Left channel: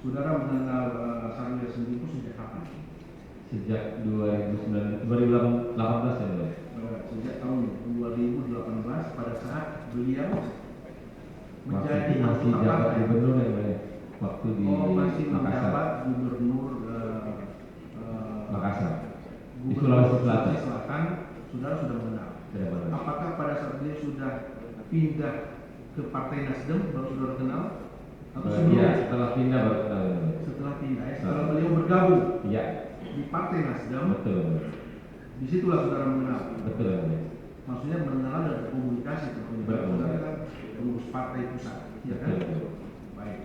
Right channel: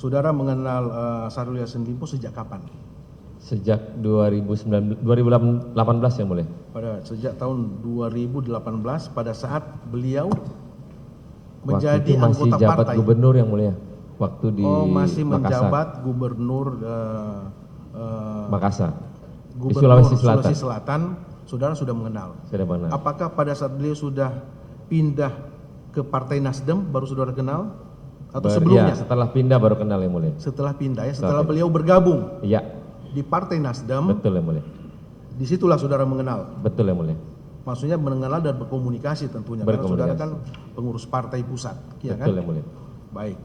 Saudara mengenal Syahrul Yassin Limpo sejak kapan? Sejak 2018 yang mulia. Sejak tahun 2018 pada saat beliau Waktu menjadi itu masih anggota jabat partai. gubernur yang mulia. Waktu di masih Makassar. menjabat gubernur Makassar. Di Gubernur Sulawesi Selatan. Selatan, saudara sudah mengenal. Sudah mengenal. Apakah pada saat beliau sudah pindah ke Partai Nasdem baru saudara kenal? Atau sebelumnya? Ya, setelah pindah baru kenal yang mulia. Setelah pindah ya, setelah beliau bergabung Iya. di Partai Nasdem. Betul yang mulia. Disitulah saudara mengenal. Betul yang mulia. Maksudnya mengenal dan berkomunikasi tentunya. Karena saudara kan pengurus partai pusat, ya kan? Betul yang mulia. Baik.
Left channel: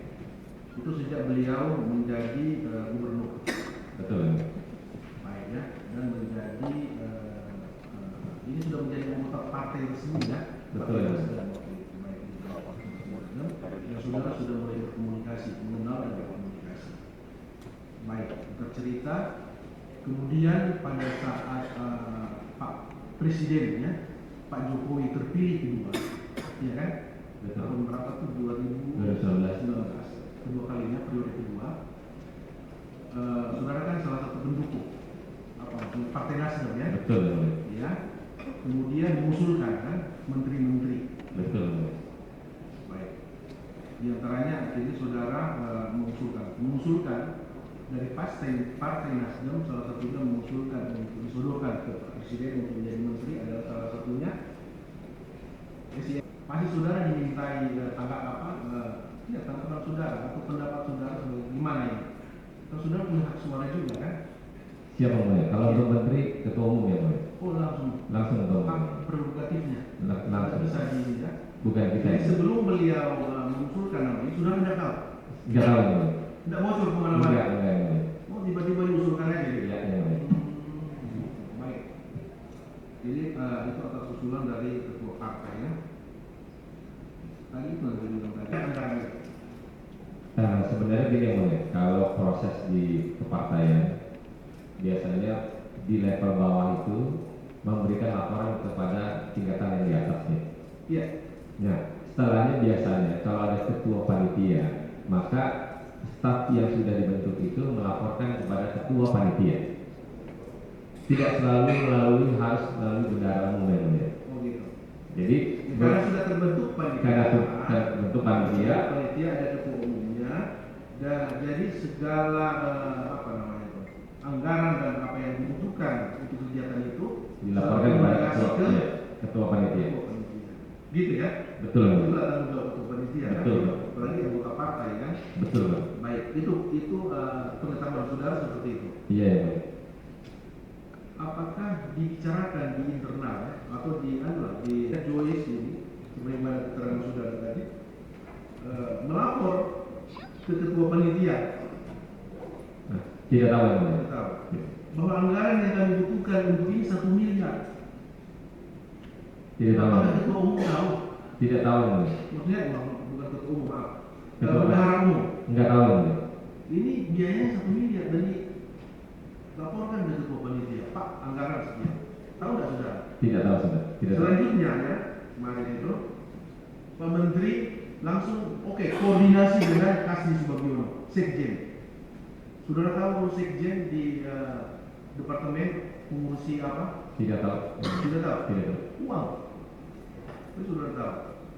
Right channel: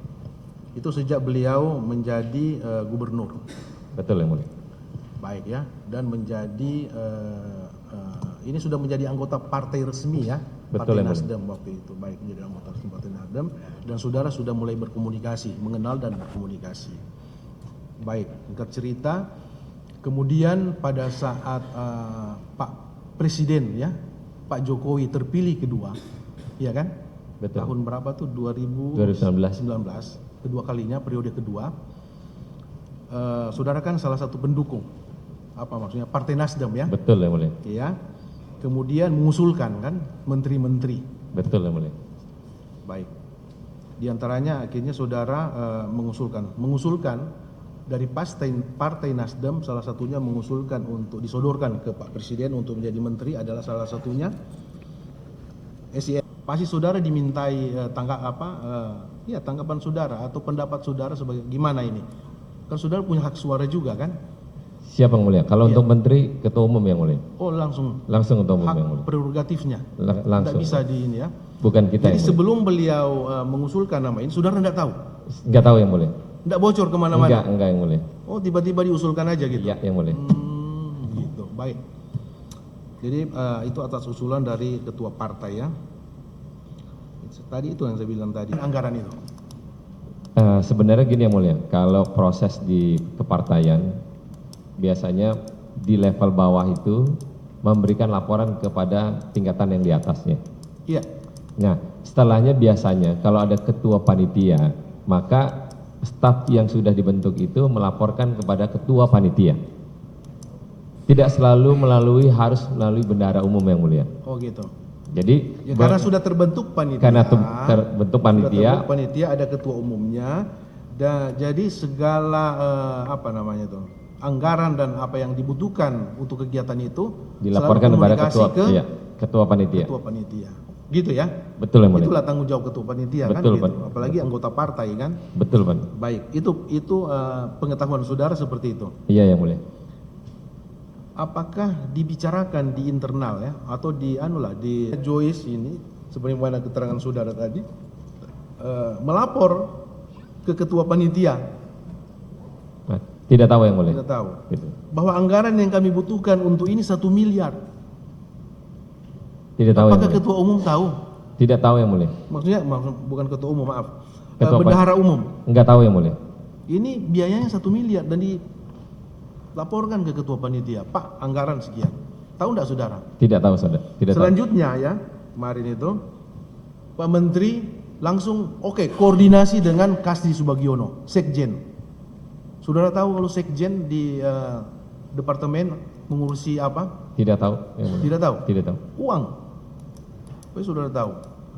Itu sejak beliau menjadi gubernur. Betul yang mulia. Baik ya, dan menjadi ini sudah menjadi anggota partai resmi ya, Betul, Partai Nasdem waktu itu. Baik, jadi anggota Partai Nasdem dan saudara sudah mulai berkomunikasi, mengenal dan berkomunikasi. Baik, singkat cerita, kemudian pada saat Pak Presiden ya, Pak Jokowi terpilih kedua, ya kan? Betul. Tahun berapa tuh? 2019. Kedua kalinya, periode kedua. Saudara kan salah satu pendukung, apa maksudnya, Partai Nasdem ya? Betul yang mulia. Ya. Kemudian mengusulkan kan menteri-menteri. Betul yang mulia. Baik. Di antaranya akhirnya saudara mengusulkan dari Partai Nasdem, salah satunya mengusulkan untuk disodorkan ke Pak Presiden untuk menjadi menteri adalah salah satunya SIM. Pasti saudara dimintai tanggapan saudara atau pendapat saudara sebagai gimana ini? Kan saudara punya hak suara juga kan? Siapa yang mulia? Kalau untuk menteri, ketua umum yang mulia. Oh langsung Langsung ketua umum hak yang mulia. prerogatifnya. Langsung. Tidak bisa di ini ya. Bukan kita. Jadi yang sebelum beliau mengusulkan nama ini, saudara tidak tahu? Enggak tahu yang mulia. Tidak bocor kemana-mana? Enggak yang mulia. Oh tiba-tiba diusulkan aja gitu? Iya yang mulia. Gitu, baik. Jadi itu atas usulan dari ketua partai ya. Tadi itu yang saya bilang tadi, anggaran itu. Sebenarnya gini yang mulia, kalau proses di kepartaian biasanya di level bawah itu memberikan laporan kepada tingkatan yang di atasnya. Iya. Nah, setelahnya biasanya kalau ada ketua panitia, maka staf yang sudah dibentuk itu melaporkan kepada ketua panitia. Tidak selalu harus melalui bendahara umum yang mulia. Oh gitu. Jadi ya, karena sudah terbentuk panitia. Karena terbentuk panitia. Panitia ada ketua umumnya. Dan jadi segala anggaran dan apa yang dibutuhkan untuk kegiatan itu dilaporkan kepada ketua panitia. Ketua panitia. Gitu ya? Betul yang mulia. Itulah tanggung jawab ketua panitia. Betul, kan? Gitu. Apalagi anggota partai kan? Betul, Pak. Baik, itu pengetahuan saudara seperti itu. Iya yang mulia. Apakah dibicarakan di internal ya atau di Joyce ini sebagaimana keterangan saudara tadi melapor ke ketua panitia? Nah, tidak tahu yang mulia. Tidak tahu. Bahwa anggaran yang kami butuhkan untuk ini 1 miliar. Tidak tahu. Apakah ketua umum tahu? Tidak tahu yang mulia. Maksudnya bukan ketua umum, maaf. Ketua bendahara umum. Enggak tahu yang mulia. Ini biayanya 1 miliar dan dilaporkan ke ketua panitia, Pak, anggaran sekian. Tahu enggak saudara? Tidak tahu saudara. Selanjutnya ya, kemarin itu Pak Menteri langsung koordinasi dengan Kasdi Subagiono, Sekjen. Saudara tahu kalau Sekjen di departemen mengurusi apa? Tidak tahu. Tidak tahu? Tidak tahu. Uang. Tapi saudara tahu,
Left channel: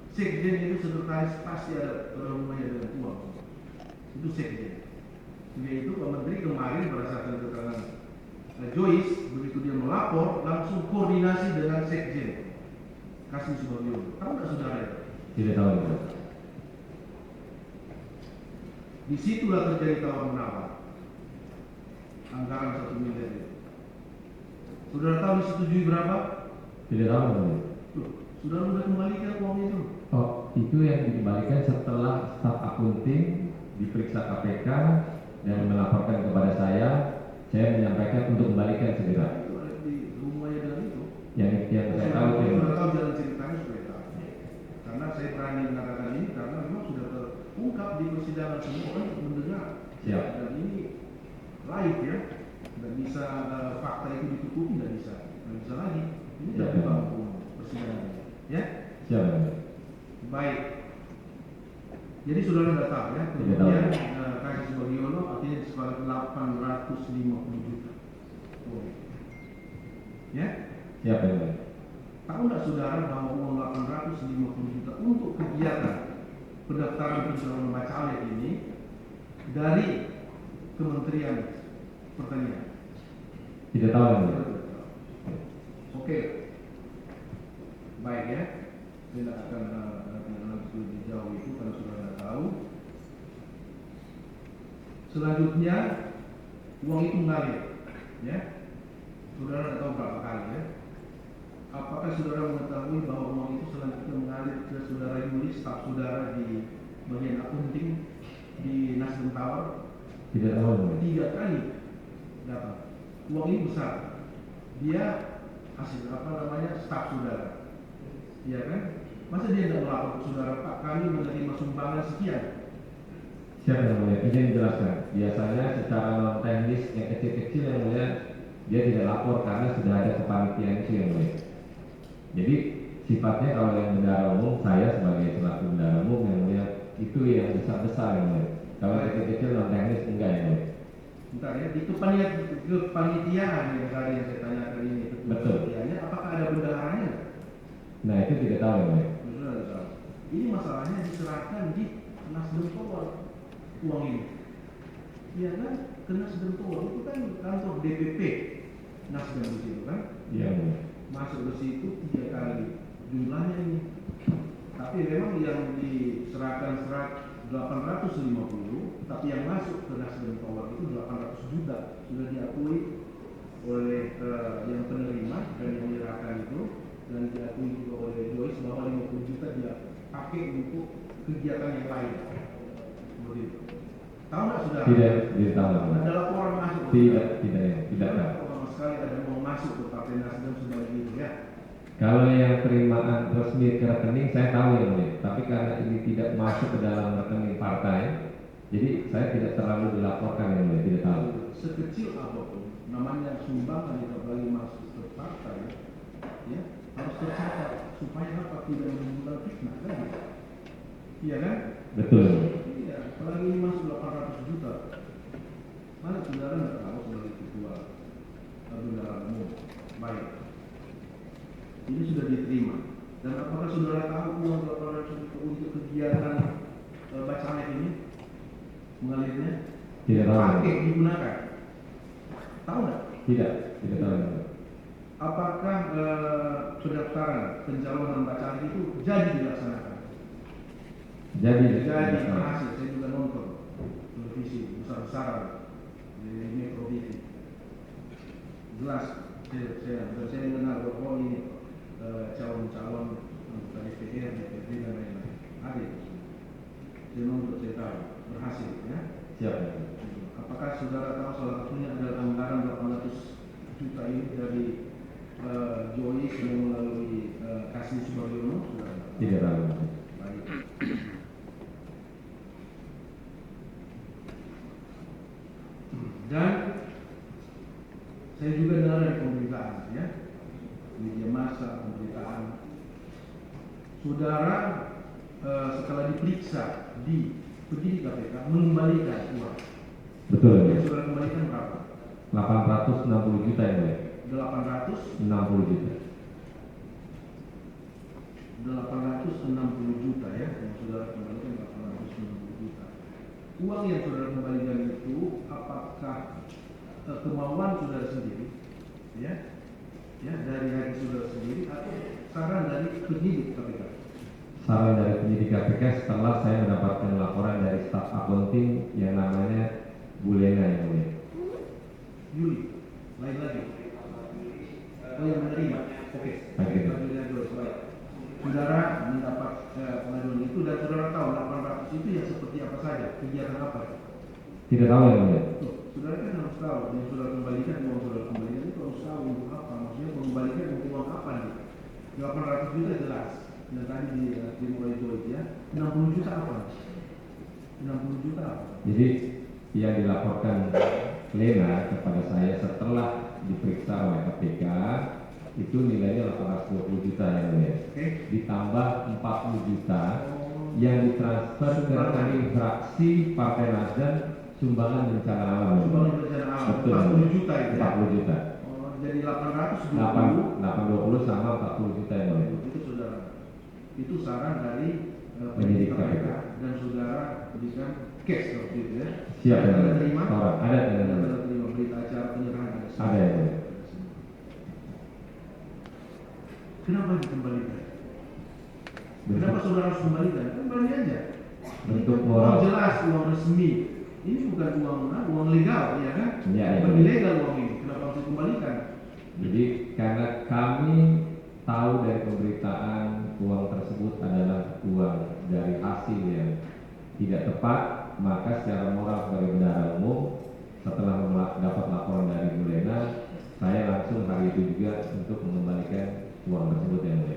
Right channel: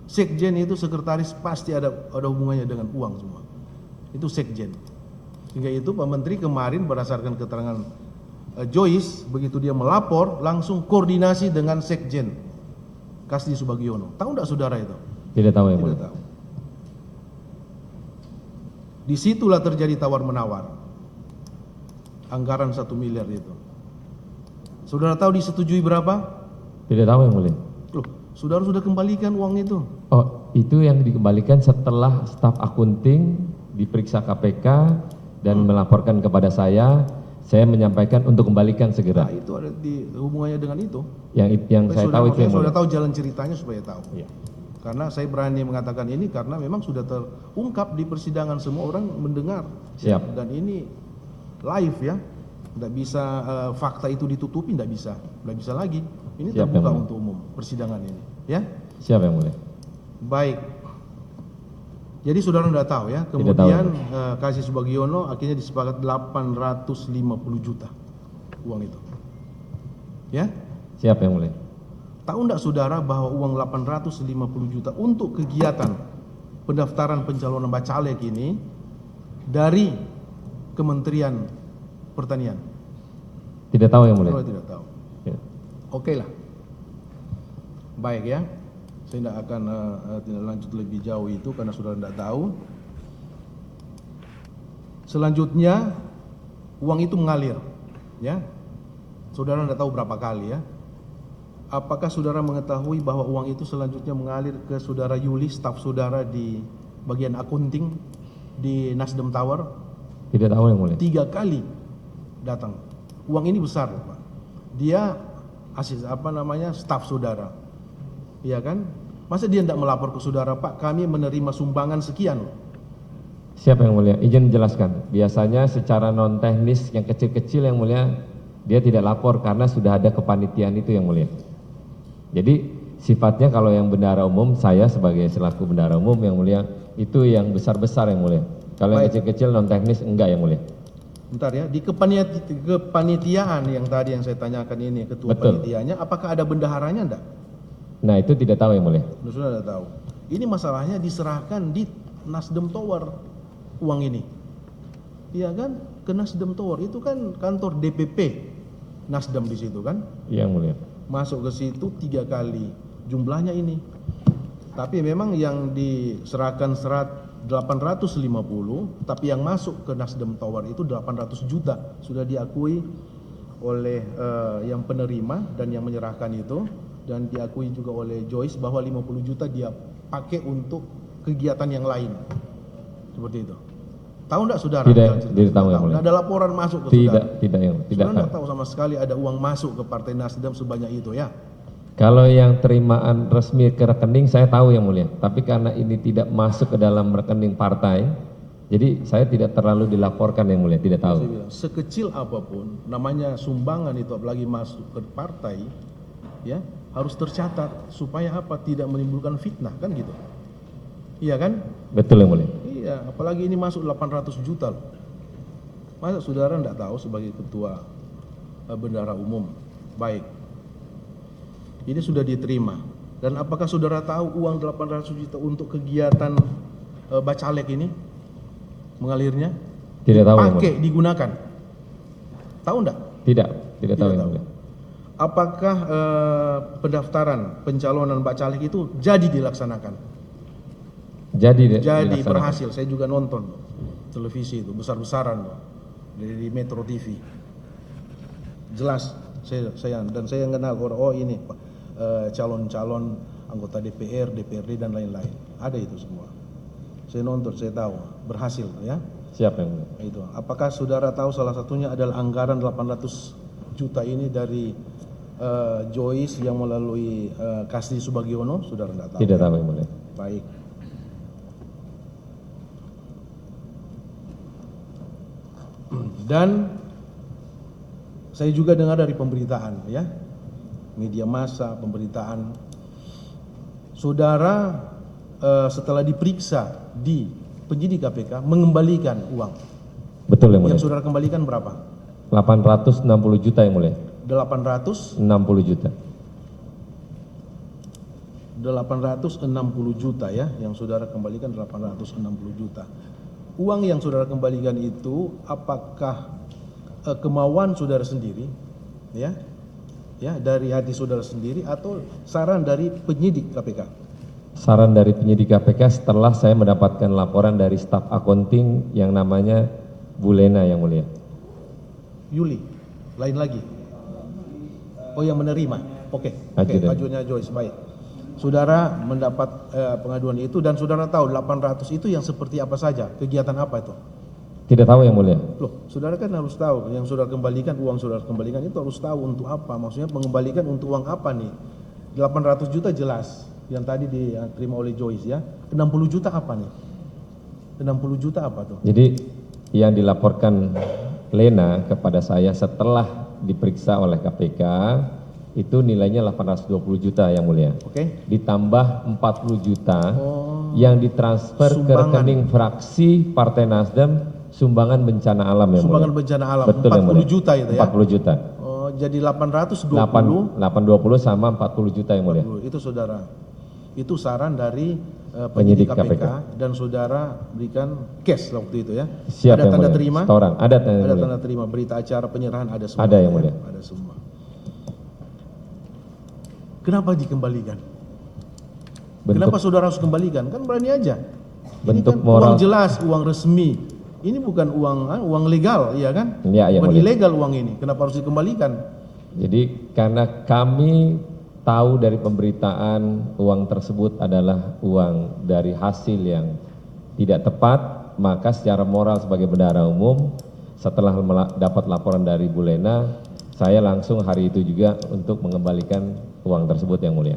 Sekjen itu sekretaris pasti ada hubungannya dengan uang semua. Itu Sekjen. Hingga itu Pak Menteri kemarin berdasarkan keterangan Joyce, begitu dia melapor langsung koordinasi dengan Sekjen Kasdi Subagiono. Tahu enggak saudara itu? Tidak tahu yang mulia. Disitulah terjadi tawar-menawar anggaran 1 miliar itu. Saudara tahu disetujui berapa? Tidak tahu yang mulia. Loh, saudara sudah kembalikan uang itu? Oh, itu yang dikembalikan setelah staf akunting diperiksa KPK dan melaporkan kepada saya menyampaikan untuk kembalikan segera. Nah, itu ada di hubungannya dengan itu. Yang saya tahu itu yang sudah tahu jalan ceritanya supaya tahu. Ya. Karena saya berani mengatakan ini karena memang sudah terungkap di persidangan, semua orang mendengar. Siap. Dan ini live ya, tidak bisa fakta itu ditutupi, tidak bisa lagi. Ini Siap, terbuka ya, untuk umum persidangan ini, ya. Siap yang mulia. Baik. Jadi saudara tidak tahu ya. Tidak tahu. Kemudian Kasih Subagiono akhirnya disepakati 850 juta uang itu. Ya, Siapa yang mulia? tahu tidak saudara bahwa uang 850 juta untuk kegiatan pendaftaran pencalonan bacalek ini dari Kementerian Pertanian? Tidak tahu yang mulia. Saudara tidak tahu. Oke. Oke lah. Baik ya. Saya tidak akan tidak lanjut lebih jauh itu karena saudara tidak tahu. Selanjutnya uang itu mengalir, ya. Saudara tidak tahu berapa kali ya. Apakah saudara mengetahui bahwa uang itu selanjutnya mengalir ke saudara Yuli, staf saudara di bagian akunting di Nasdem Tower? Tidak tahu yang mulia. 3 kali datang. Uang ini besar. Dia staf saudara. Iya kan? Masa dia tidak melapor ke saudara, Pak, kami menerima sumbangan sekian. Siapa yang mulia? Izin jelaskan. Biasanya secara non teknis yang kecil-kecil yang mulia dia tidak lapor karena sudah ada kepanitiaan itu yang mulia. Jadi sifatnya kalau yang bendahara umum, saya sebagai selaku bendahara umum yang mulia, itu yang besar-besar yang mulia. Kalau yang kecil-kecil non teknis enggak yang mulia. Bentar ya, di kepanitiaan yang tadi yang saya tanyakan ini, ketua Betul. panitianya, apakah ada bendaharanya enggak? Nah itu tidak tahu yang mulia. Sudah ada tahu. Ini masalahnya diserahkan di Nasdem Tower uang ini. Iya kan? Ke Nasdem Tower itu kan kantor DPP Nasdem di situ kan? Iya yang mulia. Masuk ke situ 3 kali jumlahnya ini. Tapi memang yang diserahkan 850, tapi yang masuk ke Nasdem Tower itu 800 juta. Sudah diakui oleh yang penerima dan yang menyerahkan itu, dan diakui juga oleh Joyce bahwa 50 juta dia pakai untuk kegiatan yang lain. Seperti itu. Tahu enggak saudara? Tidak tahu yang mulia. Ada laporan masuk ke Tidak, saudara? tidak yang tidak Saudara tahu. enggak tahu sama sekali ada uang masuk ke Partai Nasdem sebanyak itu ya? Kalau yang terimaan resmi ke rekening saya tahu yang mulia, tapi karena ini tidak masuk ke dalam rekening partai, jadi saya tidak terlalu dilaporkan yang mulia, tidak tahu. Sekecil apapun, namanya sumbangan itu apalagi masuk ke partai, ya harus tercatat supaya apa? Tidak menimbulkan fitnah kan gitu. Iya kan? Betul yang mulia. Iya, apalagi ini masuk 800 juta. Masa saudara tidak tahu sebagai ketua bendahara umum? Baik. Ini sudah diterima. Dan apakah saudara tahu uang 800 juta untuk kegiatan bacalek ini mengalirnya? Tidak tahu yang Pakai mulia. digunakan. Tahu enggak? Tidak tahu yang mulia. Apakah pendaftaran pencalonan bacalek itu jadi dilaksanakan? Jadi Jadi berhasil. Saya juga nonton televisi itu besar-besaran di Metro TV. Jelas saya kenal orang, oh ini calon-calon anggota DPR, DPRD dan lain-lain. Ada itu semua. Saya nonton, saya tahu berhasil ya. Siapa yang mulia? Itu. Apakah saudara tahu salah satunya adalah anggaran 800 juta ini dari Joyce yang melalui Kasih Subagiono? Saudara nggak tahu? Tidak tahu yang mulia. Baik. Dan saya juga dengar dari pemberitaan ya, media massa, pemberitaan, saudara setelah diperiksa di penyidik KPK mengembalikan uang. Betul yang mulia. Yang saudara kembalikan berapa? 860 juta yang mulia. 860 juta. juta ya, yang saudara kembalikan 860 juta. Uang yang saudara kembalikan itu apakah kemauan saudara sendiri, ya, dari hati saudara sendiri atau saran dari penyidik KPK? Saran dari penyidik KPK setelah saya mendapatkan laporan dari staf akunting yang namanya Bu Lena yang mulia. Yuli, lain lagi. Oh yang menerima, oke. Ajuannya Joyce, baik. Saudara mendapat pengaduan itu dan saudara tahu 800 itu yang seperti apa saja, kegiatan apa itu? Tidak tahu yang mulia. Loh, saudara kan harus tahu yang saudara kembalikan, uang saudara kembalikan itu harus tahu untuk apa, maksudnya mengembalikan untuk uang apa nih? 800 juta jelas, yang tadi diterima oleh Joyce ya. 60 juta apa nih? 60 juta apa tuh? Jadi yang dilaporkan Lena kepada saya setelah diperiksa oleh KPK itu nilainya 820 juta yang mulia. Oke. Ditambah 40 juta Oh, yang ditransfer ke sumbangan. rekening fraksi Partai Nasdem sumbangan bencana alam yang Sumbangan mulia. bencana alam Betul, yang 40 mulia. juta itu ya. 40 juta. Oh, jadi 820. 820 sama 40 juta yang mulia. Itu saudara. Itu saran dari Penyidik penyidik KPK, KPK. dan saudara berikan cash waktu itu ya. Siap Ada yang tanda mulia. terima. Setoran. Ada yang Ada mulia. tanda terima, berita acara penyerahan ada semua. Ada yang ya, mulia. Ada semua. Kenapa dikembalikan? Kenapa saudara harus kembalikan? Kan berani aja. Bentuk Ini kan moral. uang jelas, uang resmi. Ini bukan uang legal, iya kan? Iya, yang Bukan mulia. ilegal uang ini. Kenapa harus dikembalikan? Jadi karena kami tahu dari pemberitaan uang tersebut adalah uang dari hasil yang tidak tepat, maka secara moral sebagai bendahara umum setelah dapat laporan dari Bu Lena, saya langsung hari itu juga untuk mengembalikan uang tersebut yang mulia.